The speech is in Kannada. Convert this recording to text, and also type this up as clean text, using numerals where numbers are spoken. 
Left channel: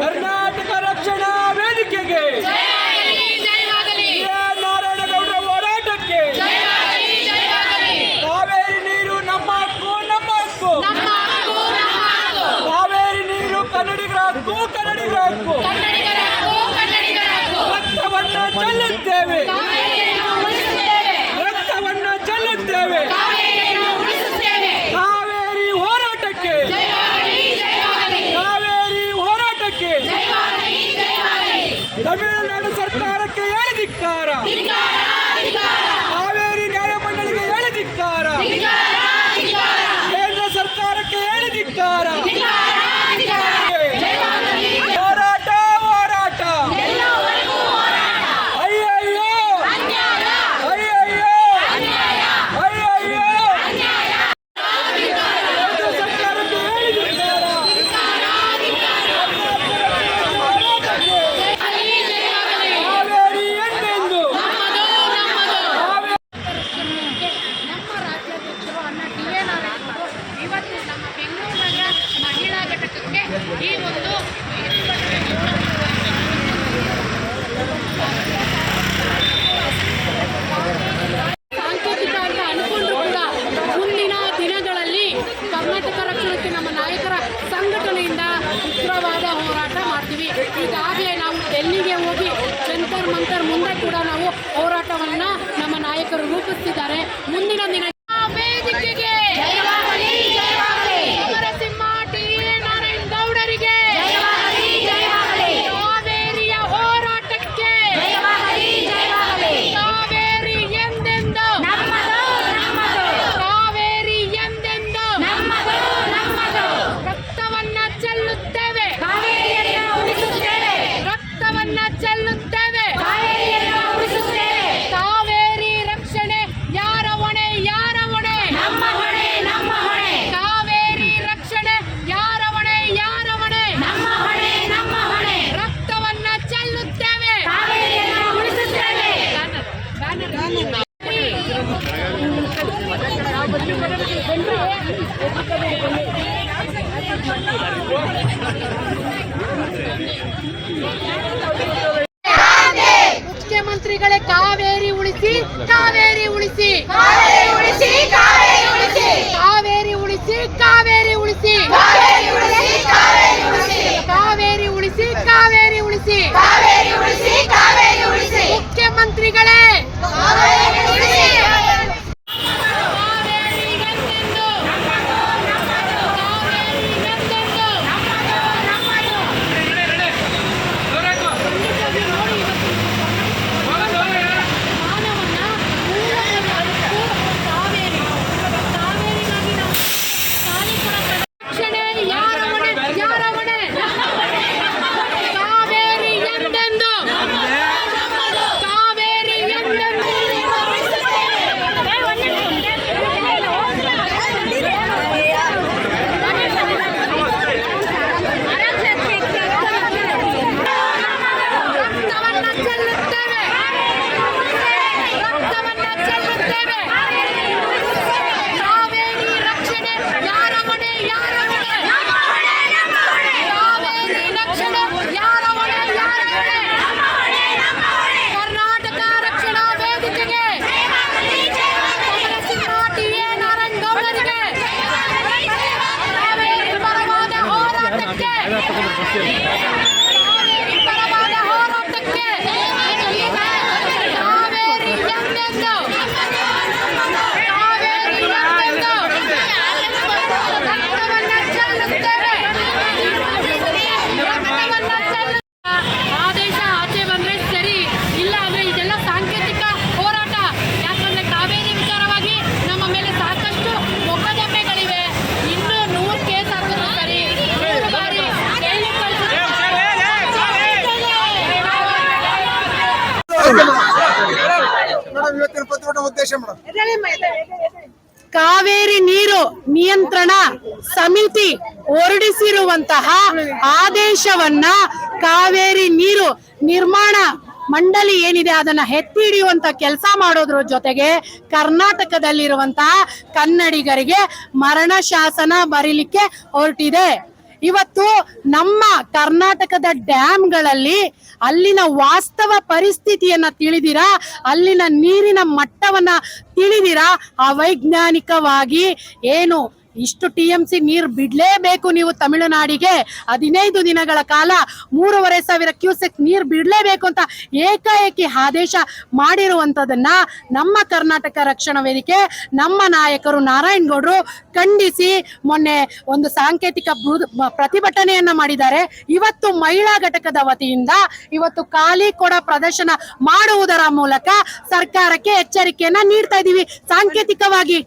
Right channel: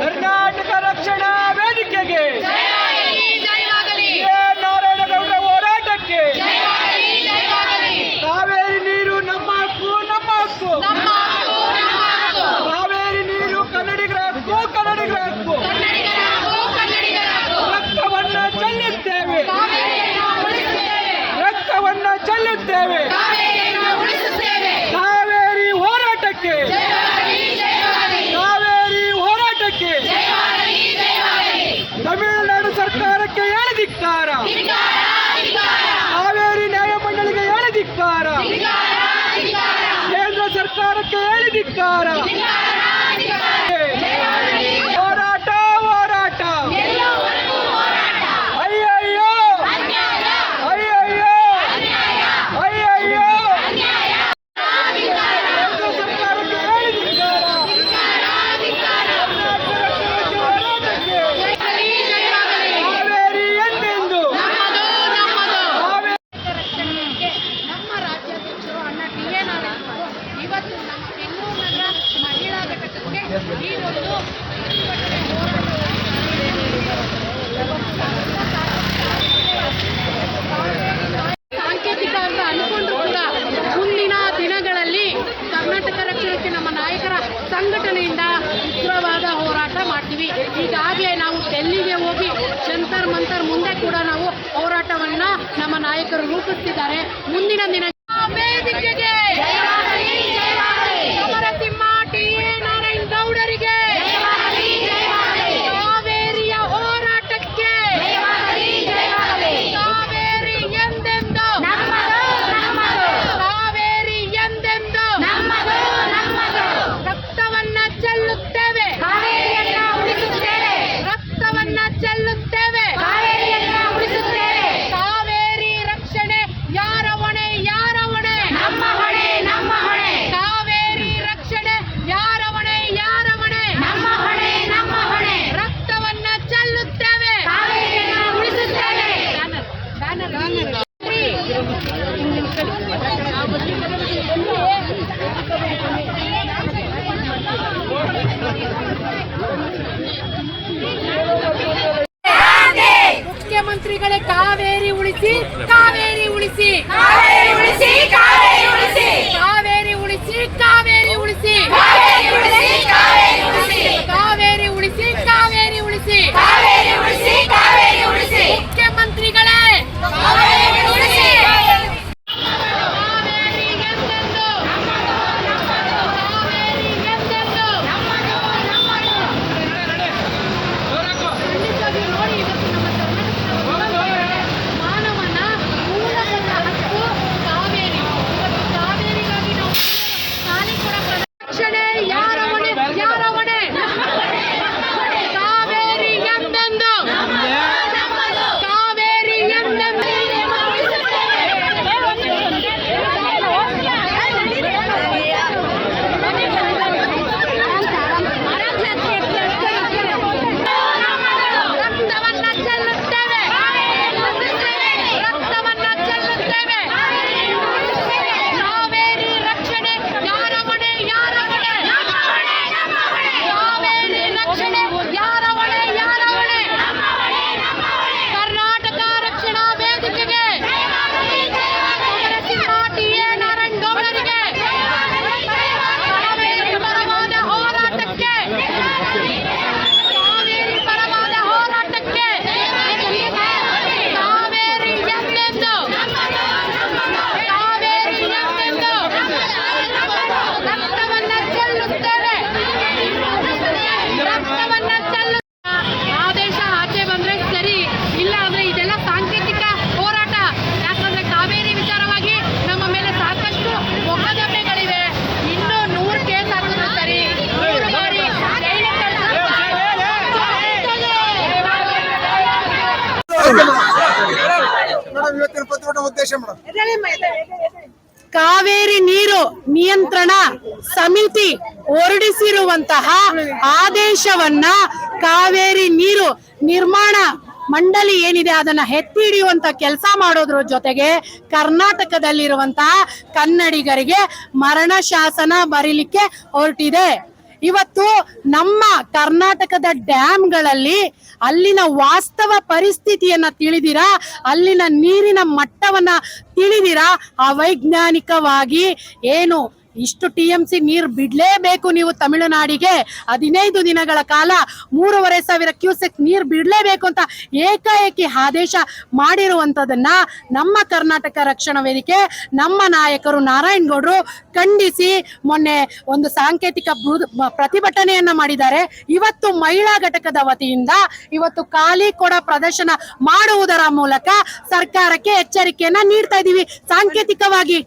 ಕರ್ನಾಟಕ ರಕ್ಷಣಾ ವೇದಿಕೆಗೆ, ನಾರಾಯಣಗೌಡರ ಹೋರಾಟಕ್ಕೆ, ಕಾವೇರಿ ನೀರು ನಮ್ಮ ಹಕ್ಕು, ನಮ್ಮ ಹಕ್ಕು, ಕಾವೇರಿ ನೀರು ಕನ್ನಡಿಗರ ಹಕ್ಕು, ಕನ್ನಡಿಗರ ಹಕ್ಕು. ರಕ್ತವನ್ನ ಚೆಲ್ಲುತ್ತೇವೆ, ರಕ್ತವನ್ನ ಚೆಲ್ಲುತ್ತೇವೆ. ಕಾವೇರಿ ಹೋರಾಟಕ್ಕೆ, ಕಾವೇರಿ ಹೋರಾಟಕ್ಕೆ. ತಮಿಳುನಾಡು ಸರ್ಕಾರಕ್ಕೆ ಹೇಳಿ ಧಿಕ್ಕಾರ, ಕಾವೇರಿ ನ್ಯಾಯಮಂಡಳಿಗೆ ಹೇಳಿ ಧಿಕ್ಕಾರ, ಕೇಂದ್ರ ಸರ್ಕಾರಕ್ಕೆ ಹೇಳಿ ಧಿಕ್ಕಾರ. ಹೋರಾಟ ಹೋರಾಟ, ಅಯ್ಯಯ್ಯೋ ಅಯ್ಯಯ್ಯೋ ಅಯ್ಯಯ್ಯೋ. ಕೇಂದ್ರ ಸರ್ಕಾರಕ್ಕೆ ಹೇಳಿ ಧಿಕ್ಕಾರ, ಹೋರಾಟಕ್ಕೆ. ಕಾವೇರಿ ಎಂದೆಂದು ರಕ್ಷಣೆಗೆ ನಮ್ಮ ರಾಜ್ಯಾಧ್ಯಕ್ಷರು ಅಣ್ಣ ಟಿ.ಎ. ನಾರಾಯಣಗೌಡರು ಇವತ್ತು ನಮ್ಮ ಬೆಂಗಳೂರು ನಗರ ಮಹಿಳಾ ಘಟಕಕ್ಕೆ ಈ ಒಂದು ಸಾಂಕೇತಿಕ ಅಂತ ಅನ್ಕೊಂಡ್ರು ಕೂಡ ಮುಂದಿನ ದಿನಗಳಲ್ಲಿ ಕರ್ನಾಟಕ ರಕ್ಷಣೆಗೆ ನಮ್ಮ ನಾಯಕರ ಸಂಘಟನೆಯಿಂದ ಉಗ್ರವಾದ ಹೋರಾಟ ಮಾಡ್ತೀವಿ. ಈಗಾಗಲೇ ನಾವು ಡೆಲ್ಲಿಗೆ ಹೋಗಿ ಜಂತರ್ ಮಂತರ್ ಮುಂದೆ ಕೂಡ ನಾವು ಹೋರಾಟವನ್ನ ನಮ್ಮ ನಾಯಕರು ರೂಪಿಸ್ತಿದ್ದಾರೆ. ಮುಂದಿನ ದಿನ ವೇದಿಕೆಗೆ ಸಮರಸಿಂಹ ಟಿ.ಎ. ನಾರಾಯಣಗೌಡರಿಗೆ, ಕಾವೇರಿಯ ಹೋರಾಟಕ್ಕೆ, ಕಾವೇರಿ ಎಂದೆಂದು, ಕಾವೇರಿ ಎಂದೆಂದು ರಕ್ತವನ್ನ ಚೆಲ್ಲುತ್ತೇವೆ, ರಕ್ತವನ್ನ ಚೆಲ್ಲುತ್ತೇವೆ. ಕಾವೇರಿ ರಕ್ಷಣೆ ಯಾರ ಹೊಣೆ, ಯಾರ ಹೊಣೆ? ಕಾವೇರಿ ರಕ್ಷಣೆ ಯಾರ ಹೊಣೆ, ಯಾರ ಹೊಣೆ? ರಕ್ತವನ್ನ ಚೆಲ್ಲುತ್ತೇವೆ. ಬ್ಯಾನರ್ ಮುಖ್ಯಮಂತ್ರಿಗಳೇ, ಕಾವೇರಿ ಉಳಿಸಿ, ಕಾವೇರಿ ಉಳಿಸಿ, ಕಾವೇರಿ ಉಳಿಸಿ, ಕಾವೇರಿ ಉಳಿಸಿ, ಕಾವೇರಿ ಉಳಿಸಿ, ಕಾವೇರಿ ಉಳಿಸಿ, ಕಾವೇರಿ ಉಳಿಸಿ, ಕಾವೇರಿ ಉಳಿಸಿ, ಕಾವೇರಿ ಉಳಿಸಿ, ಕಾವೇರಿ ಉಳಿಸಿ, ಕಾವೇರಿ ಉಳಿಸಿ, ಕಾವೇರಿ ಉಳಿಸಿ. ಮುಖ್ಯಮಂತ್ರಿಗಳೇ, ಕಾವೇರಿ ಉಳಿಸಿ. ಕಾವೇರಿ ಎಂದೆಂದು, ಕಾವೇರಿ ಎಂದೆಂದು. ಖಂಡಿತವಾಗಿಯೂ ನೋಡಿ, ಇವತ್ತು ನಮ್ಮ ಮಾನವನ ಮೂಲಭೂತ ಹಕ್ಕು ಕಾವೇರಿ. ಕಾವೇರಿಗಾಗಿ ನಾವು ಕಾಲಿಕೊಡ ರಕ್ಷಣೆ ಯಾರ ಹೊಣೆ, ಯಾರ ಹೊಣೆ? ಕಾವೇರಿ ಎಂದೆಂದು, ಕಾವೇರಿ ಎಂದೆಂದು. ರಕ್ತವನ್ನ ಚೆಲ್ಲುತ್ತೇವೆ, ರಕ್ತವನ್ನ ಚೆಲ್ಲುತ್ತೇವೆ. ಕಾವೇರಿ ರಕ್ಷಣೆ ಯಾರ ಹೊಣೆ, ಯಾರ ಹೊಣೆ? ಕಾವೇರಿ ರಕ್ಷಣೆ ಯಾರ ಹೊಣೆ, ಯಾರ ಹೊಣೆ? ಕರ್ನಾಟಕ ರಕ್ಷಣಾ ವೇದಿಕೆಗೆ, ಸಮರಸಿಂಹ ಟಿ.ಎ. ನಾರಾಯಣಗೌಡರಿಗೆ, ಕಾವೇರಿ ಪರವಾದ ಹೋರಾಟಕ್ಕೆ, ಕಾವೇರಿ ಪರವಾದ ಹೋರಾಟಕ್ಕೆ. ಕಾವೇರಿ ಎಂದೆಂದು, ಕಾವೇರಿ ಎಂದೆಂದು ರಕ್ತವನ್ನ ಚೆಲ್ಲುತ್ತೇವೆ, ರಕ್ತವನ್ನ ಚೆಲ್ಲುತ್ತೇವೆ. ಆದೇಶ ಆಚೆ ಬಂದ್ರೆ ಸರಿ, ಇಲ್ಲ ಅಂದ್ರೆ ಇದೆಲ್ಲ ಸಾಂಕೇತಿಕ ಹೋರಾಟ. ಯಾಕಂದ್ರೆ ಕಾವೇರಿ ವಿಚಾರವಾಗಿ ನಮ್ಮ ಮೇಲೆ ಸಾಕಷ್ಟು ಮೊಕದ್ದಮೆಗಳಿವೆ. ಇನ್ನು 100 ಕೇಸ್ ಹಾಕಿದ್ರೆ ಸರಿ, 100 ಬಾರಿ ಜೈಲಿಗೆ ಕಳಿಸಿದ್ರೆ ಕಾವೇರಿ ನೀರು ನಿಯಂತ್ರಣ ಸಮಿತಿ ಹೊರಡಿಸಿರುವಂತಹ ಆದೇಶವನ್ನ ಕಾವೇರಿ ನೀರು ನಿರ್ಮಾಣ ಮಂಡಳಿ ಏನಿದೆ ಅದನ್ನ ಎತ್ತಿ ಹಿಡಿಯುವಂತ ಕೆಲಸ ಮಾಡೋದ್ರ ಜೊತೆಗೆ ಕರ್ನಾಟಕದಲ್ಲಿರುವಂತಹ ಕನ್ನಡಿಗರಿಗೆ ಮರಣ ಶಾಸನ ಬರೀಲಿಕ್ಕೆ ಹೊರಟಿದೆ. ಇವತ್ತು ನಮ್ಮ ಕರ್ನಾಟಕದ ಡ್ಯಾಮ್ಗಳಲ್ಲಿ ಅಲ್ಲಿನ ವಾಸ್ತವ ಪರಿಸ್ಥಿತಿಯನ್ನ ತಿಳಿದಿರಾ, ಅಲ್ಲಿನ ನೀರಿನ ಮಟ್ಟವನ್ನ ತಿಳಿದಿರಾ, ಅವೈಜ್ಞಾನಿಕವಾಗಿ ಏನು ಇಷ್ಟು TMC ನೀರು ಬಿಡ್ಲೇಬೇಕು ನೀವು ತಮಿಳುನಾಡಿಗೆ 15 ದಿನಗಳ ಕಾಲ 3,500 ಕ್ಯೂಸೆಕ್ ನೀರು ಬಿಡ್ಲೇಬೇಕು ಅಂತ ಏಕಾಏಕಿ ಆದೇಶ ಮಾಡಿರುವಂತದನ್ನ ನಮ್ಮ ಕರ್ನಾಟಕ ರಕ್ಷಣಾ ವೇದಿಕೆ ನಮ್ಮ ನಾಯಕರು ನಾರಾಯಣಗೌಡರು ಖಂಡಿಸಿ ಮೊನ್ನೆ ಒಂದು ಸಾಂಕೇತಿಕ ಪ್ರತಿಭಟನೆಯನ್ನ ಮಾಡಿದ್ದಾರೆ. ಇವತ್ತು ಮಹಿಳಾ ಘಟಕದ ವತಿಯಿಂದ ಇವತ್ತು ಖಾಲಿ ಕೊಡ ಪ್ರದರ್ಶನ ಮಾಡುವುದರ ಮೂಲಕ ಸರ್ಕಾರಕ್ಕೆ ಎಚ್ಚರಿಕೆಯನ್ನ ನೀಡ್ತಾ ಇದೀವಿ ಸಾಂಕೇತಿಕವಾಗಿ.